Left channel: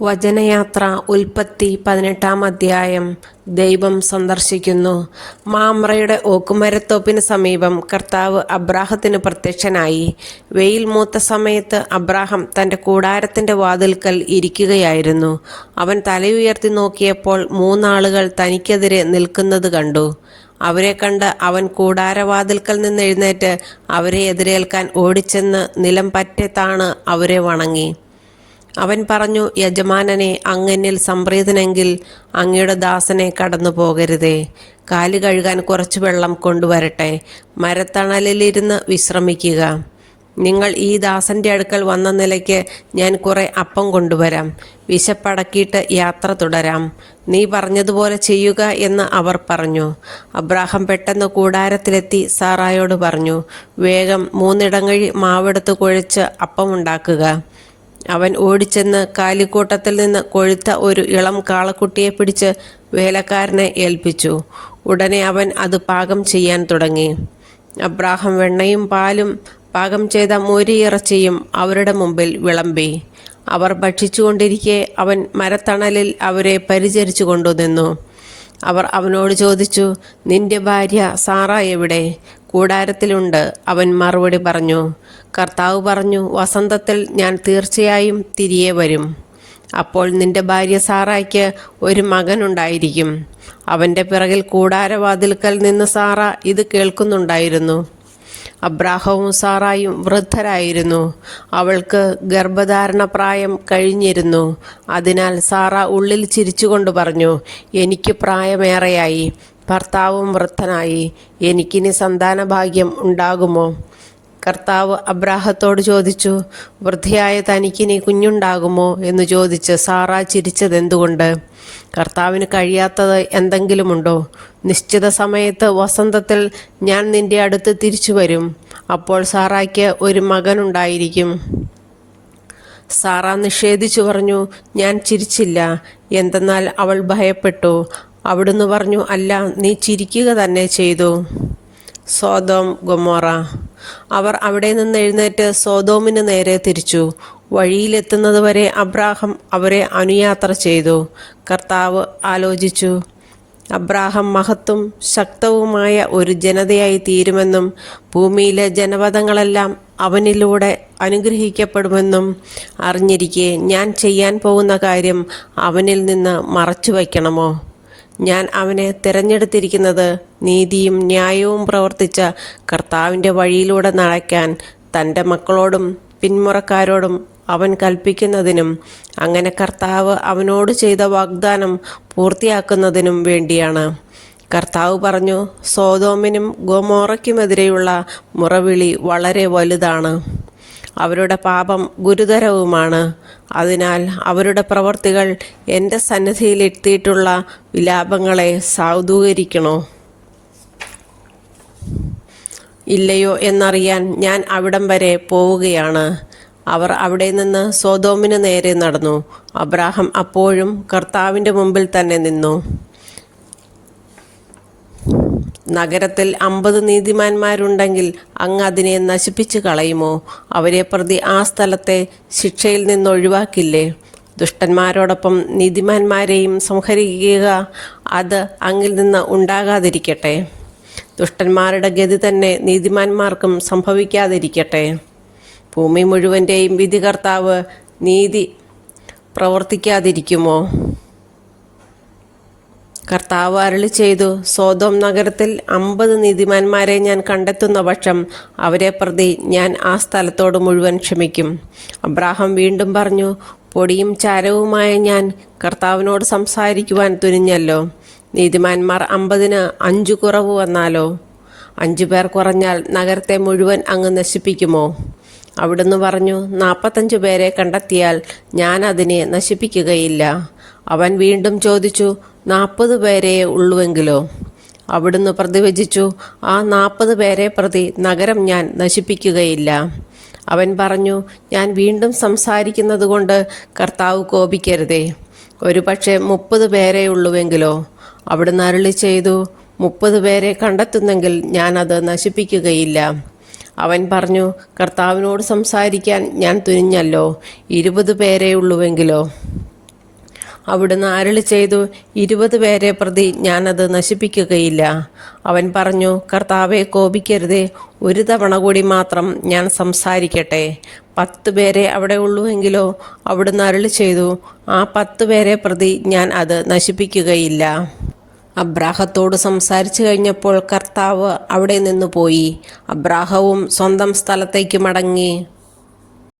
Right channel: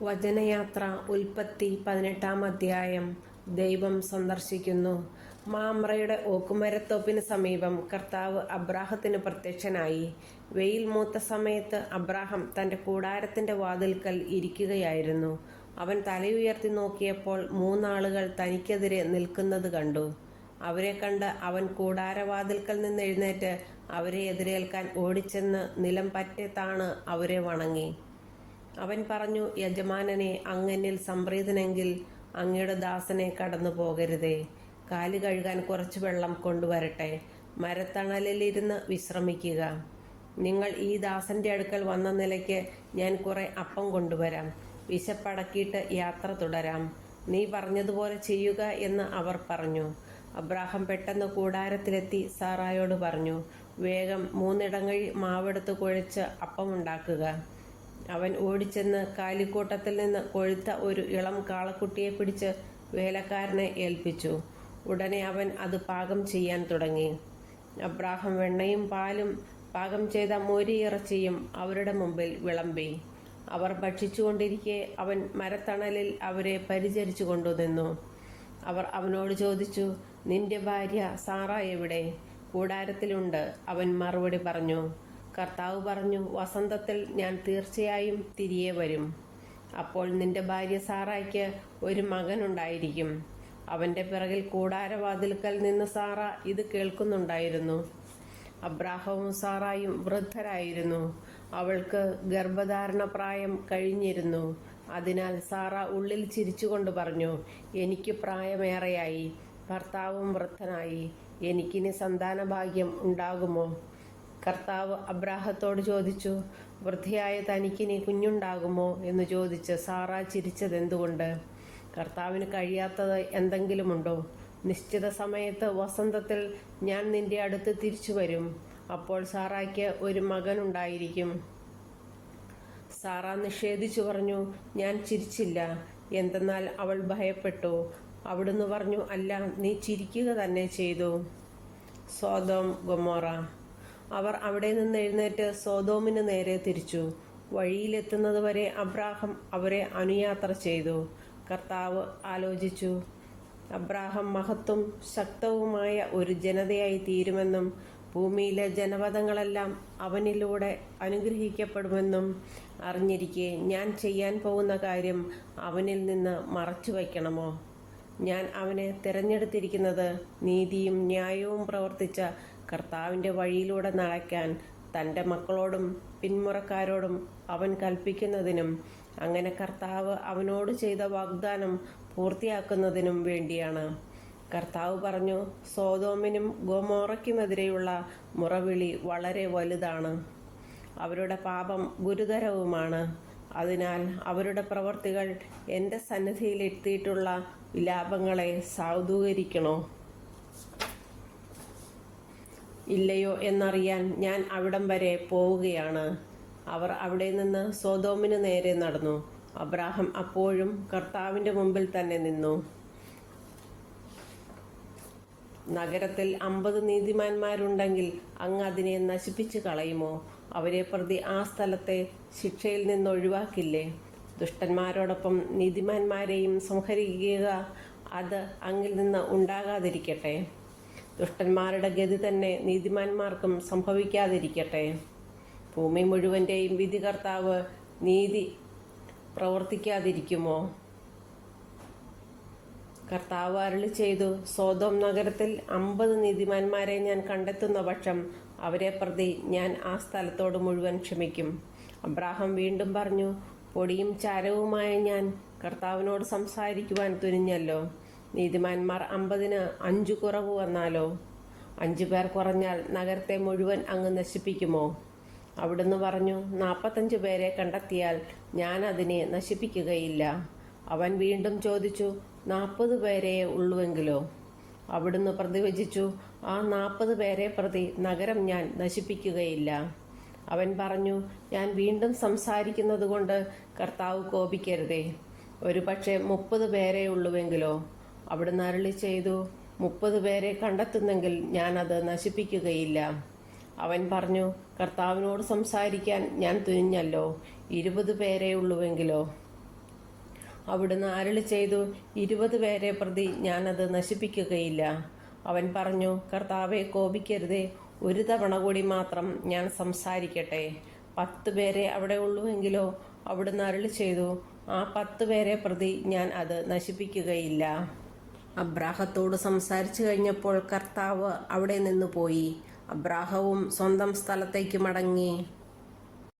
വചനയാത്ര ഉൽപ്പത്തി 18 അധ്യായം. ദൈവം സന്ദർശിക്കുന്നു. മാമ്രയുടെ ഓക്കുമരത്തോപ്പിന് സമീപം കർത്താവ് അബ്രാഹത്തിന് പ്രത്യക്ഷനായി. വെയിൽ മൂത്ത സമയത്ത് അബ്രാഹം തൻ്റെ കൂടാരത്തിൻ്റെ വാതിൽക്കൽ ഇരിക്കുകയായിരുന്നു. അവൻ തലയുയർത്തി നോക്കിയപ്പോൾ 3 ആളുകൾ തനിക്കെതിരെ നിൽക്കുന്നത് കണ്ടു. അവരെ കണ്ട് അവൻ കൂടാരവാതിൽക്കൽ നിന്ന് എഴുന്നേറ്റ് അവരെ എതിരേൽക്കാൻ ഓടിച്ചെന്ന് നിലം പറ്റെ താണ് അവരെ വണങ്ങി. അവൻ പറഞ്ഞു, യജമാനനെ, അങ്ങെന്നിൽ സംപ്രീതനെങ്കിൽ അങ്ങയുടെ ദാസനെ കടന്നു പോകരുതേ. കാല് കഴുകാൻ കുറച്ച് വെള്ളം കൊണ്ടുവരട്ടെ. മരത്തണലിലിരുന്ന് വിശ്രമിക്കുക. നിങ്ങൾ ഈ ദാസൻ്റെ അടുക്കൽ വന്ന നിലയ്ക്ക് ഞാൻ കുറെ അപ്പം കൊണ്ടുവരാം. വിശപ്പടക്കിയിട്ട് യാത്ര തുടരാം. നീ പറഞ്ഞതുപോലെ ചെയ്യുക എന്ന് അവർ പറഞ്ഞു. അബ്രാഹം പെട്ടെന്ന് കൂടാരത്തിലെത്തി സാറായോട് പറഞ്ഞു, വേഗം 3 ഇടങ്ങഴി മാവെടുത്ത് കുഴച്ച് അപ്പമുണ്ടാക്കുക. അവൻ ഓടിച്ചെന്ന് കാലിക്കൂട്ടത്തിൽ നിന്ന് കൊഴുത്ത ഒരു ഇളം കാളക്കുട്ടിയെ പിടിച്ച് വേലക്കാരനെ ഏൽപ്പിച്ചു. ഉടനെ അവൻ അത് പാകം ചെയ്യാൻ തുടങ്ങി. അബ്രാഹം വെണ്ണയും പാലും പാകം ചെയ്ത മോരിയിറച്ചിയും അവരുടെ മുമ്പിൽ വിളമ്പി. അവർ ഭക്ഷിച്ചുകൊണ്ടിരിക്കെ അവൻ മരത്തണലിൽ അവരെ പരിചരിച്ചു കൊണ്ടുനിന്നു. അവർ അവനോട് ചോദിച്ചു, നിന്റെ ഭാര്യ സാറ എവിടെ? കൂടാരത്തിലുണ്ട്, അവൻ മറുപടി പറഞ്ഞു. കർത്താവ് പറഞ്ഞു, വസന്തത്തിൽ ഞാൻ തീർച്ചയായും തിരികെ വരും. അപ്പോൾ നിന്റെ ഭാര്യ സാറായ്ക്ക് ഒരു മകനുണ്ടായിരിക്കും. അവൻ്റെ പിറകിൽ കൂടാരവാതിൽക്കൽ നിന്ന് സാറ ഇത് കേൾക്കുന്നുണ്ടായിരുന്നു. അബ്രാഹവും സാറായും വൃദ്ധരായിരുന്നു. അവൾക്ക് ഗർഭധാരണ പ്രായം കഴിഞ്ഞിരുന്നു. അതിനാൽ സാറ ഉള്ളിൽ ചിരിച്ചുകൊണ്ട് പറഞ്ഞു, എനിക്ക് പ്രായമേറെയായി, ഭർത്താവും വൃദ്ധനായി, എനിക്കിനി സന്താനഭാഗ്യം ഉണ്ടാകുമോ? കർത്താവ് അബ്രാഹത്തോട് ചോദിച്ചു, വൃദ്ധയായ തനിക്കിനി കുഞ്ഞുണ്ടാകുമോ എന്ന് ചോദിച്ച് സാറ ചിരിച്ചതെന്തുകൊണ്ട്? കർത്താവിന് കഴിയാത്തത് എന്തെങ്കിലുമുണ്ടോ? നിശ്ചിത സമയത്ത് വസന്തത്തിൽ ഞാൻ നിന്റെ അടുത്ത് തിരിച്ചു വരും. അപ്പോൾ സാറായ്ക്ക് ഒരു മകനുണ്ടായിരിക്കും. സാറ നിഷേധിച്ചു പറഞ്ഞു, ഞാൻ ചിരിച്ചില്ല. എന്തെന്നാൽ അവൾ ഭയപ്പെട്ടു. അവിടുന്ന് പറഞ്ഞു, അല്ല, നീ ചിരിക്കുക തന്നെ ചെയ്തു. Sodom Gomorrah. അവർ അവിടെ നിന്ന് എഴുന്നേറ്റ് സോദോമിന് നേരെ തിരിച്ചു. വഴിയിലെത്തുന്നത് വരെ അബ്രാഹം അവരെ അനുയാത്ര ചെയ്തു. കർത്താവ് ആലോചിച്ചു, അബ്രാഹം മഹത്തും ശക്തവുമായ ഒരു ജനതയായി തീരുമെന്നും ഭൂമിയിലെ ജനപദങ്ങളെല്ലാം അവനിലൂടെ അനുഗ്രഹിക്കപ്പെടുമെന്നും അറിഞ്ഞിരിക്കെ ഞാൻ ചെയ്യാൻ പോകുന്ന കാര്യം അവനിൽ നിന്ന് മറച്ചു വയ്ക്കണമോ? ഞാൻ അവനെ തിരഞ്ഞെടുത്തിരിക്കുന്നത് നീതിയും ന്യായവും പ്രവർത്തിച്ച കർത്താവിൻ്റെ വഴിയിലൂടെ നടക്കാൻ തൻ്റെ മക്കളോടും പിന്മുറക്കാരോടും അവൻ കൽപ്പിക്കുന്നതിനും അങ്ങനെ കർത്താവ് അവനോട് ചെയ്ത വാഗ്ദാനം പൂർത്തിയാക്കുന്നതിനും വേണ്ടിയാണ്. കർത്താവ് പറഞ്ഞു, സോദോമിനും ഗൊമോറയ്ക്കുമെതിരെയുള്ള മുറവിളി വളരെ വലുതാണ്. അവരുടെ പാപം ഗുരുതരവുമാണ്. അതിനാൽ അവരുടെ പ്രവർത്തികൾ എൻ്റെ സന്നിധിയിൽ എത്തിയിട്ടുള്ള വിലാപങ്ങളെ സാധൂകരിക്കണോ ഇല്ലയോ എന്നറിയാൻ ഞാൻ അവിടം വരെ പോവുകയാണ്. അവർ അവിടെ നിന്ന് സോദോമിന് നേരെ നടന്നു. അബ്രാഹം അപ്പോഴും കർത്താവിൻ്റെ മുമ്പിൽ തന്നെ നിന്നു. നഗരത്തിൽ 50 നീതിമാന്മാരുണ്ടെങ്കിൽ അങ്ങ് അതിനെ നശിപ്പിച്ചു കളയുമോ? അവരെ പ്രതി ആ സ്ഥലത്തെ ശിക്ഷയിൽ നിന്നൊഴിവാക്കില്ലേ? ദുഷ്ടന്മാരോടൊപ്പം നീതിമാന്മാരെയും സംഹരിക്കുക അത് അങ്ങിൽ നിന്ന് ഉണ്ടാകാതിരിക്കട്ടെ. ദുഷ്ടന്മാരുടെ ഗതി തന്നെ നീതിമാന്മാർക്കും സംഭവിക്കാതിരിക്കട്ടെ. ഭൂമി മുഴുവൻ്റെയും വിധികർത്താവ് നീതി പ്രവർത്തിക്കാതിരിക്കുമോ? കർത്താവ് അരുളി ചെയ്തു, സോദോം നഗരത്തിൽ 50 നീതിമാന്മാരെ ഞാൻ കണ്ടെത്തുന്ന പക്ഷം അവരെ പ്രതി ഞാൻ ആ സ്ഥലത്തോട് മുഴുവൻ ക്ഷമിക്കും. അബ്രാഹം വീണ്ടും പറഞ്ഞു, പൊടിയും ചാരവുമായ ഞാൻ കർത്താവിനോട് സംസാരിക്കുവാൻ തുനിഞ്ഞല്ലോ. നീതിമാന്മാർ 50-ന് 5 കുറവ് വന്നാലോ? 5 പേർ കുറഞ്ഞാൽ നഗരത്തെ മുഴുവൻ അങ്ങ് നശിപ്പിക്കുമോ? അവിടുന്ന് പറഞ്ഞു, 45 പേരെ കണ്ടെത്തിയാൽ ഞാൻ അതിനെ നശിപ്പിക്കുകയില്ല. അവൻ വീണ്ടും ചോദിച്ചു, 40 പേരെ ഉള്ളുവെങ്കിലോ? അവിടുന്ന് പ്രതിവചിച്ചു, ആ 40 പേരെ പ്രതി നഗരം ഞാൻ നശിപ്പിക്കുകയില്ല. അവൻ പറഞ്ഞു, ഞാൻ വീണ്ടും സംസാരിക്കുന്നത് കൊണ്ട് കർത്താവ് കോപിക്കരുതേ. ഒരു പക്ഷേ 30 പേരെ ഉള്ളുവെങ്കിലോ? അവിടുന്ന് അരുളി ചെയ്തു, 30 പേരെ കണ്ടെത്തുന്നെങ്കിൽ ഞാൻ അത് നശിപ്പിക്കുകയില്ല. അവൻ പറഞ്ഞു, കർത്താവിനോട് സംസാരിക്കാൻ ഞാൻ തുനിഞ്ഞല്ലോ, 20 പേരേ ഉള്ളുവെങ്കിലോ? അവിടുന്ന് അരുളി ചെയ്തു, 20 പേരെ പ്രതി ഞാനത് നശിപ്പിക്കുകയില്ല. അവൻ പറഞ്ഞു, കർത്താവെ, കോപിക്കരുതേ, ഒരു തവണ കൂടി മാത്രം ഞാൻ സംസാരിക്കട്ടെ. 10 പേരെ അവിടെ ഉള്ളുവെങ്കിലോ? അവിടുന്ന് അരുളി ചെയ്തു, ആ 10 പേരെ പ്രതി ഞാൻ അത് നശിപ്പിക്കുകയില്ല. അബ്രാഹത്തോട് സംസാരിച്ചു കഴിഞ്ഞപ്പോൾ കർത്താവ് അവിടെ നിന്ന് പോയി. അബ്രാഹവും സ്വന്തം സ്ഥലത്തേക്ക് മടങ്ങി.